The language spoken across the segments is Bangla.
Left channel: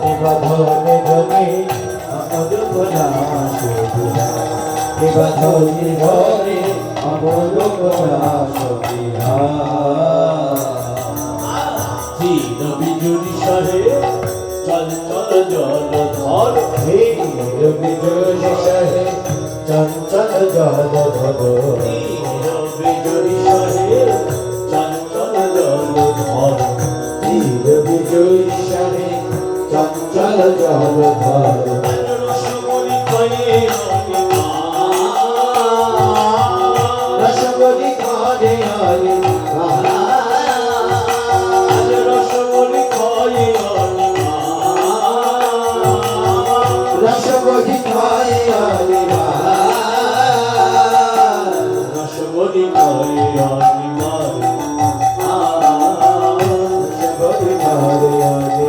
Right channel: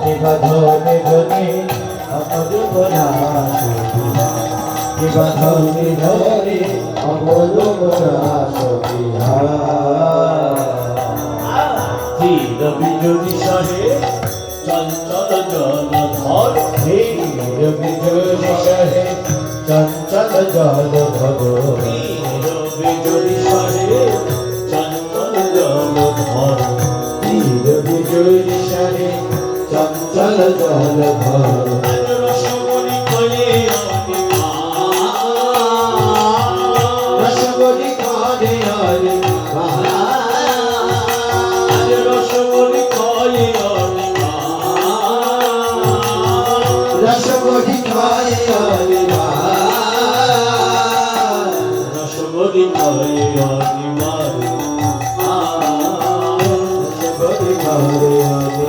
নিবাধনে ধনে অমরূপ নাশ নিবাধনে ধনে অমরূপ নাশ চির বিজুরি সহে চঞ্চল জলধর ধীর বিজুলি সহে চঞ্চল জলধর চির বিজুরি সহে চঞ্চল জলধর ধীর বিজুলি সহে চঞ্চল জলধর রসমণি কয়ে রসমণি কানে আরে রসমণি কয়ে রসমণি কানে আরে রসমণি কয়ে অনিমার রসমণি কানে আরে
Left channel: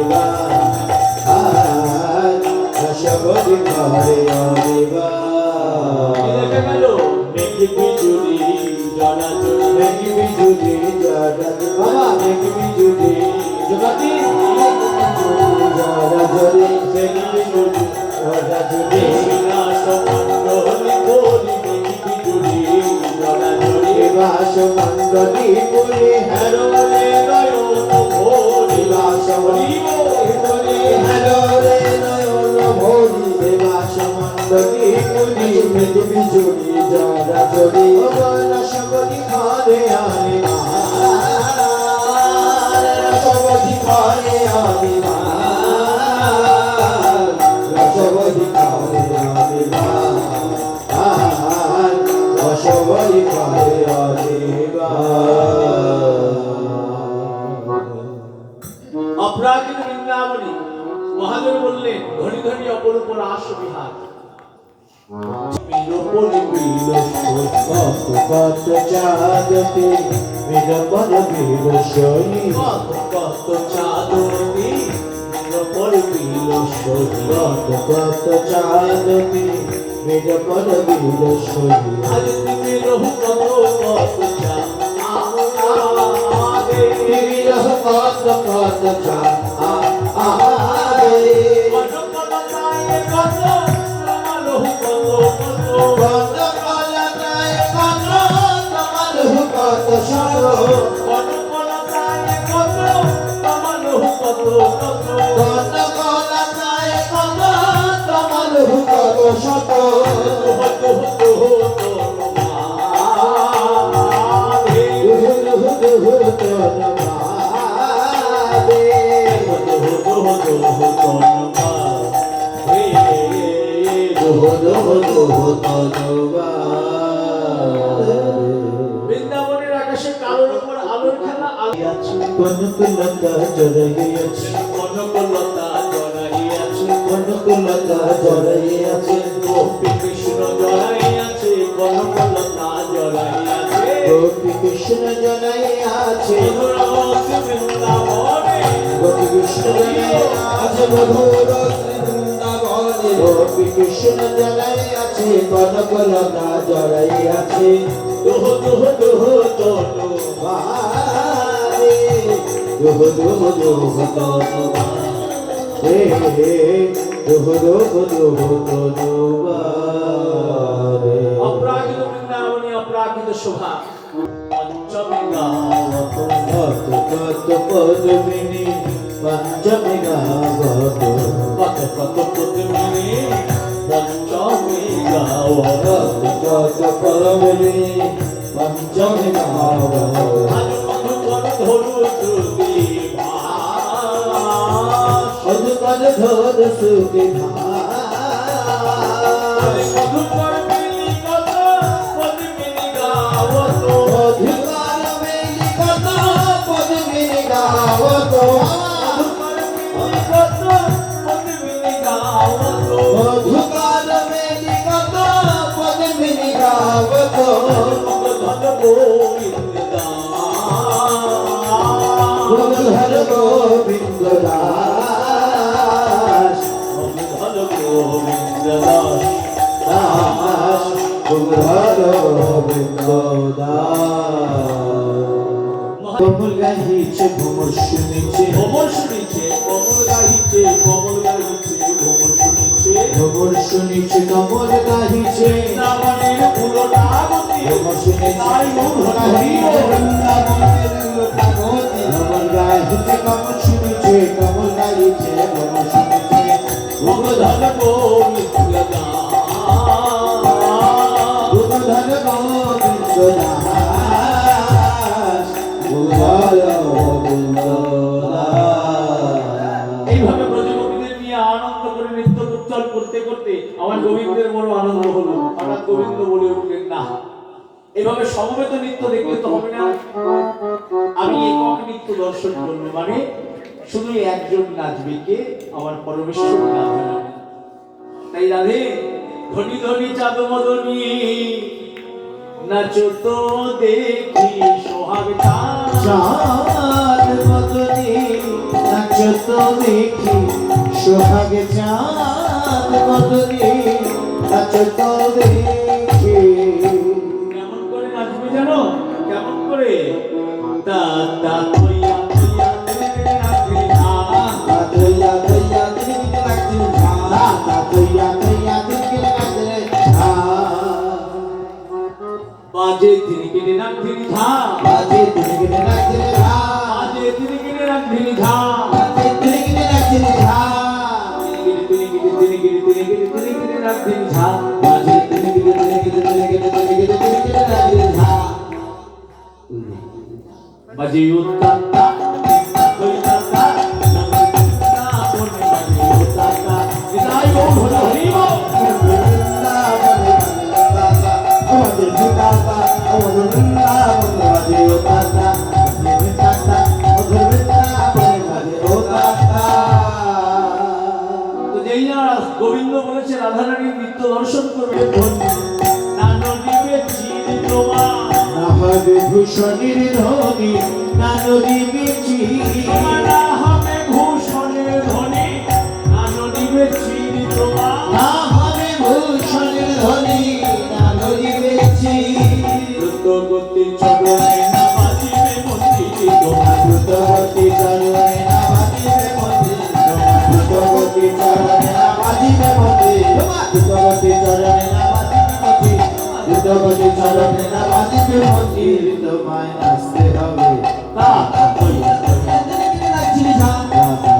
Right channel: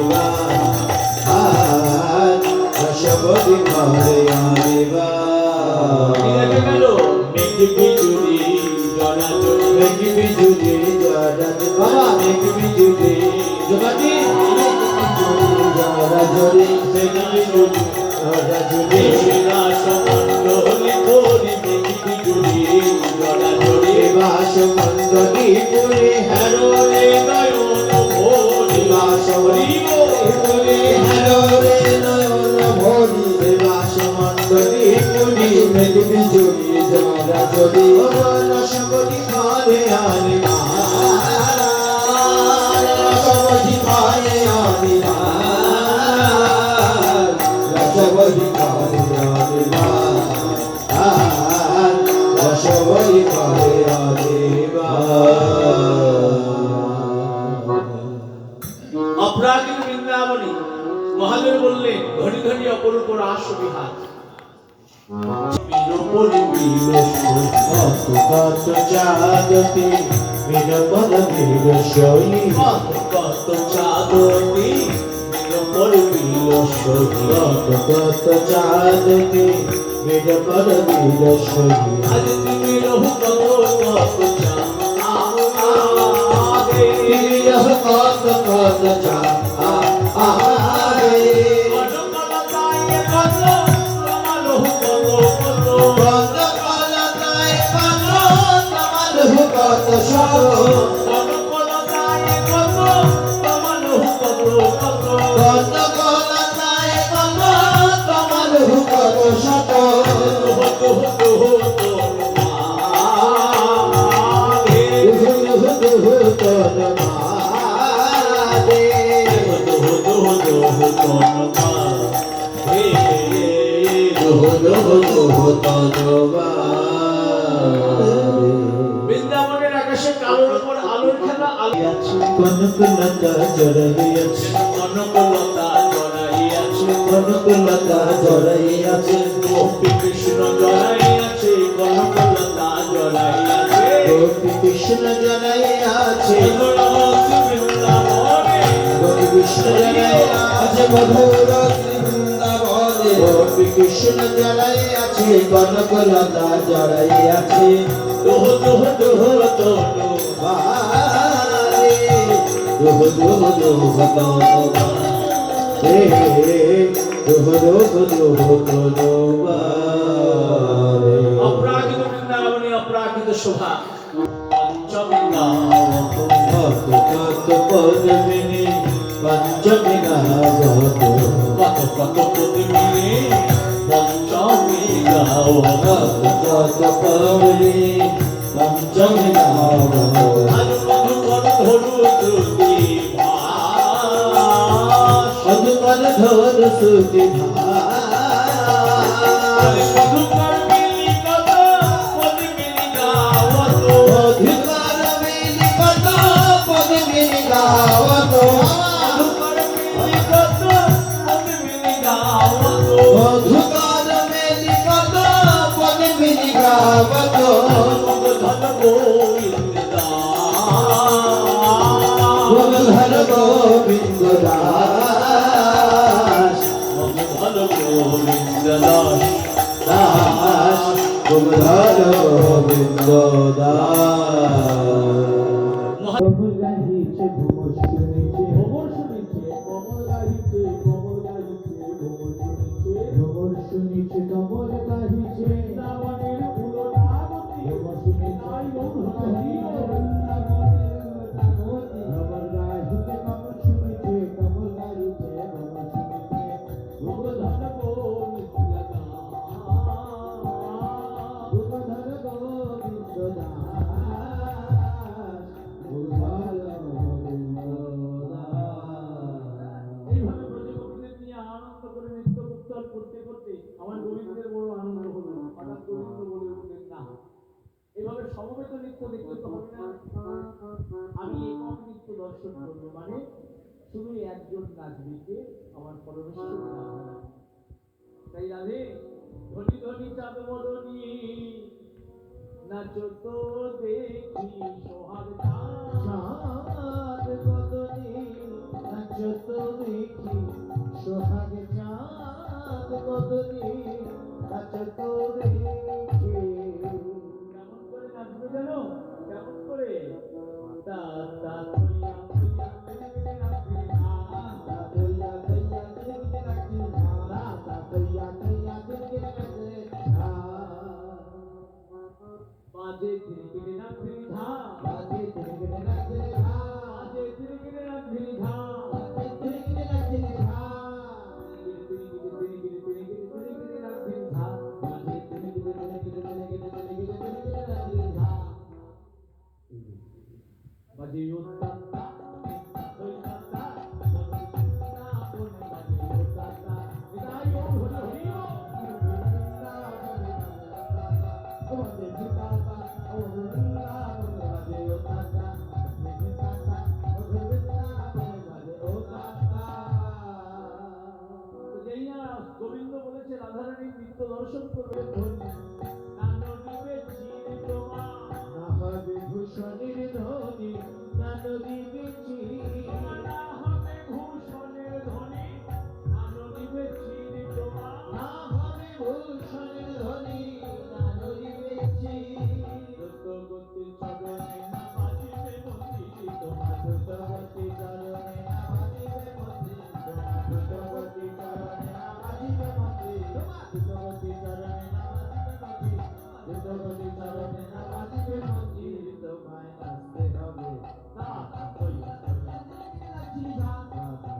রসমণি কানে আরে গেল মেঘ বিজুরি জনা জড়ি মেঘ বিজুলি জড়া বাবা মেঘ বিজুলি জগাতি জড়া জড়ি মেঘ বিজুরি জড়া জড়ি মণ্ডলী করি মেঘ বিজুরি জনা জড়ি বাস মণ্ডলী পুরে হেরোলে নয়ন ভরি বাস মণ্ডলী পুরে হরে নয়ন ভরি বাস মণ্ডলী পুরে মেঘ বিজুলি জড়া জড়ি রসমণি ঘরে আরে রসমণি ঘরে আরে রসমণি ঘরে আরে রসমণি ঘরে আরে অপ্রাকৃত বৃন্দাবনী মহাদেব বললেন ঘড়ি ঘড়ি অপরূপ রাস বিহার বীরবলি বীর কত কত চাঁদতে বিরবল বীর সই কত চাঁদতি বীরবলি বীর সহি কত কত চাঁদতে বিরবল বীর সই আজ তুমি রহু কত কত চাঁদ বিরহ কত কত চাঁদ আরে কত কলকায় কত তমালু কত শত কত কলকায় কত তমালু কত শত বৃন্দাবনের আকাশে কালোর উপর আলোর খেলা আলিয়াছে কনকলতা জড়াইয়াছে কনকলতা জড়াইয়াছে কনকলতা জড়াইয়াছে গোপী কৃষ্ণ জড়াইয়াছে কনকলতা জড়াইয়াছে গোপী কৃষ্ণ জড়াইয়াছে বৃন্দাবনে গোপী কৃষ্ণ জড়াইয়াছে মধুর বৃন্দাবনে গোপী কৃষ্ণ জড়াইয়াছে কনকলতা জড়াইয়াছে দোহ দোহ দোহ দোহ বারে দোহ দোহ দোহ দোহ হে দোহ দোহ দোহ দোহ বারে অপ্রাকৃত বৃন্দাবনে অপ্রাকৃত শোভা পঞ্চমী গাওত কত কত পদ্মিনী পঞ্চমী গাবত কত কত পদ্মিনী পঞ্চমী গাওত কত কত পদ্মিনী পঞ্চমী গাবত আজ মধুকর ধরু শ্রুতি ভাস অধুকর ধর শ্রুতি আজ মধুকর মিলি কত পদ্মিনী গাওত অধুকর মিলি কত পদ্মিনী গাবত মধুকর মিলি কত পদ্মিনী গাওত অধুকর মিলি কত পদ্মিনী গাবত ধন গোবিন্দ দাস ধর গোবিন্দ দাস ধন গোবিন্দ দাস দাস ধর গোবিন্দ দাস কমল গাহিছে ভ্রমর শুনেছে ভ্রমর শুনেছে কীর্তন করতে করতে আমার গোবিন্দের বড় আনন্দ হলো। হঠাৎ গোবিন্দ বলে উঠলেন, না, এভাবে সমবেত নৃত্য দেখলে তো হবে না, আমি একক নৃত্য দর্শন করবো। মানে শুধু একজন নাচবে, কে? আমার পরমেশ্বর রাধা। তাই রাধে, ধনী ধনী চাঁদ মদনী নাচো তো দেখি সোহাগ চাঁদ। চাঁদ মদনী নাচো তো দেখি সোহাগ চাঁদ মদনী নাচো তো দেখি। কেমন করে নাচবে জানো? কেমন করে? তা তা তৈয়া তৈয়া তেরে রাখে না। তৈয়া তৈয়া দিকে লাগছে ঝা, তৈয়া তৈয়া দিকে লাগছে ঝা। বাজে তিনি কিনে রাখবি ঝা, বাজে দিকে লাগছে ঝা, বাজে তিনি কিনে রাখবি ঝা, বাজে দিকে লাগছে ঝা, তিনি কিনে রাখবি ঝা। বাজে দিকে লাগছে ঝা। বাজে উত্তাতা হইতাতা না বলে বাজে উত্তাতা বিদায় ও হলো হরিব। তো যেই না গোবিন্দ বলেছে রাধারানীর নৃত্য দর্শন করবে, নানো দিবে চির তোমার, ভূষণের ধনী নানরি বেচি, না হবে ভূষণের ধনী, নানো দিবে চির তোমার। না হবে ভূষণের ধনী নানরি বেচি। দ্রুতগতি চরণে না বাজিবে মন্দির তোমার, দ্রুতগতি চরণে না বাজিবে মন্দির তোমার, দ্রুতগতি চরণে না বাজিবে মন্দির তোমার, দ্রুতগতি চরণে না বাজিবে মন্দির, দ্রুতগতি চরণে না বাজিবে মন্দির। তোমায় নাচতে হবে তা তৈয়া তৈয়া দিকে লাগছে ঝা,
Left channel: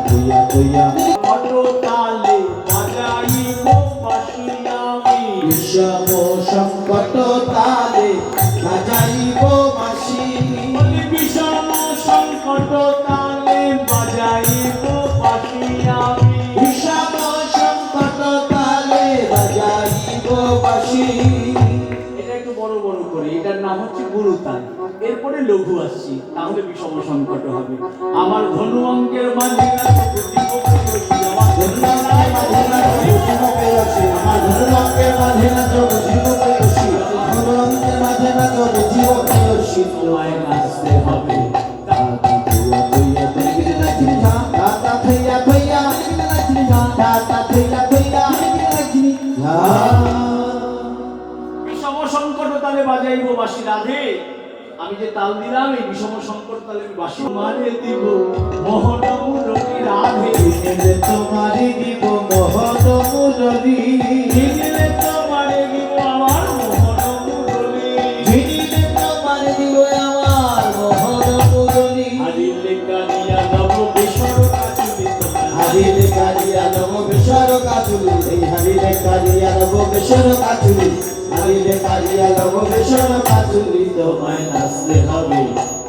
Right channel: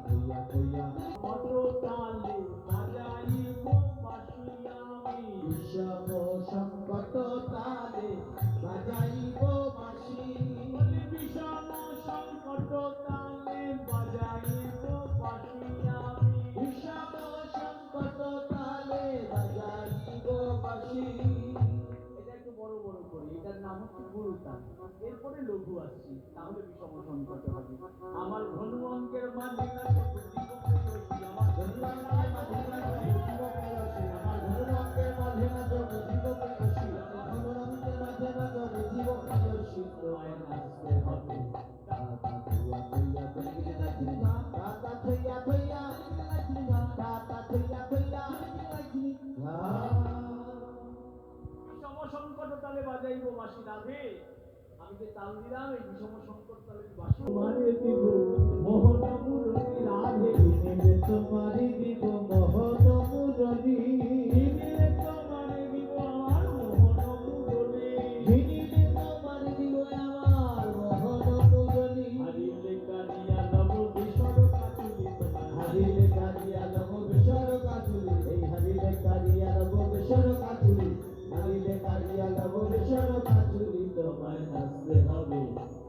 তৈয়া তৈয়া অটো তালে বাজাইব বাঁশি আমি, বিষম সংকট তালে বাজাইব বাঁশি। বলি বিষম সংকট তালে বাজাইব বাঁশি আমি। বিষম সংকট তালে বাজাইব বাঁশি। এটা একটু বড় বড় করে, এটার নাম হচ্ছে গুরুতাল, এরপরে লঘু আসছি, তাহলে বিষম সংকট হবে। আমার ধনু অঙ্কের মাঝে না প্রদীপ প্রদীপ, আমার ধন্যবাদ মাঝে না জীবকে রসি, আমার ধন্যবাদের মাঝে না জীবকে রসি, ধন্যবাদের মাঝে না জীবকে রসি। তোমায় নাচতে হবে। তৈয়া তৈয়া দিকে লাগছে ঝা, দাতা তৈয়া তৈয়া দিকে লাগছে ঝা, দাতা তৈয়া তৈয়া দিকে লাগছে ঝা। বিষম সংকট তালে বাজাইব বাঁশি রাধে। আমি যে তাল দিলাম, এই বিষম সংকট তালে আমি বাঁশি মানে দিব মোহন মুরলী রাধে। দিলে তোমারি দিব মোহন মুরলী, দিলে তোমারে দিব আমার মোহন মুরলী, দিলে তোমারি দিব আমার মোহন মুরলী। হারিলে কানিয়া নব বেসর কাজুলি তোমার, হারিলে কারিয়া নব বেসর কাজুলি, এই হারিলে কারিয়া নব বেসর কাজুলি, হারিলে কারিয়া নব বেসর কাজুলি। তোমায় নাচতে হবে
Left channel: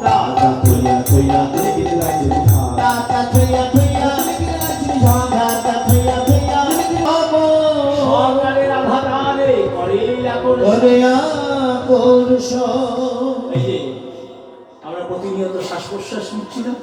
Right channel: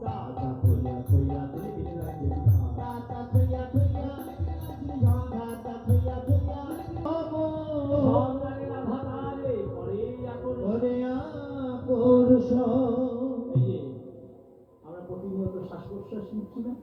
দাতা তৈয়া তৈয়া দিকে লাগছে ঝা, দাতা তৈয়া তৈয়া দিকে লাগছে ঝা, দাতা তৈয়া তৈয়া দিকে লাগছে ঝা। সরকারে রাধা রাধে করে এখন। ওরে আকর্ষণ এই যে আমরা প্রতিনিয়ত শ্বাস প্রশ্বাস নিচ্ছি না,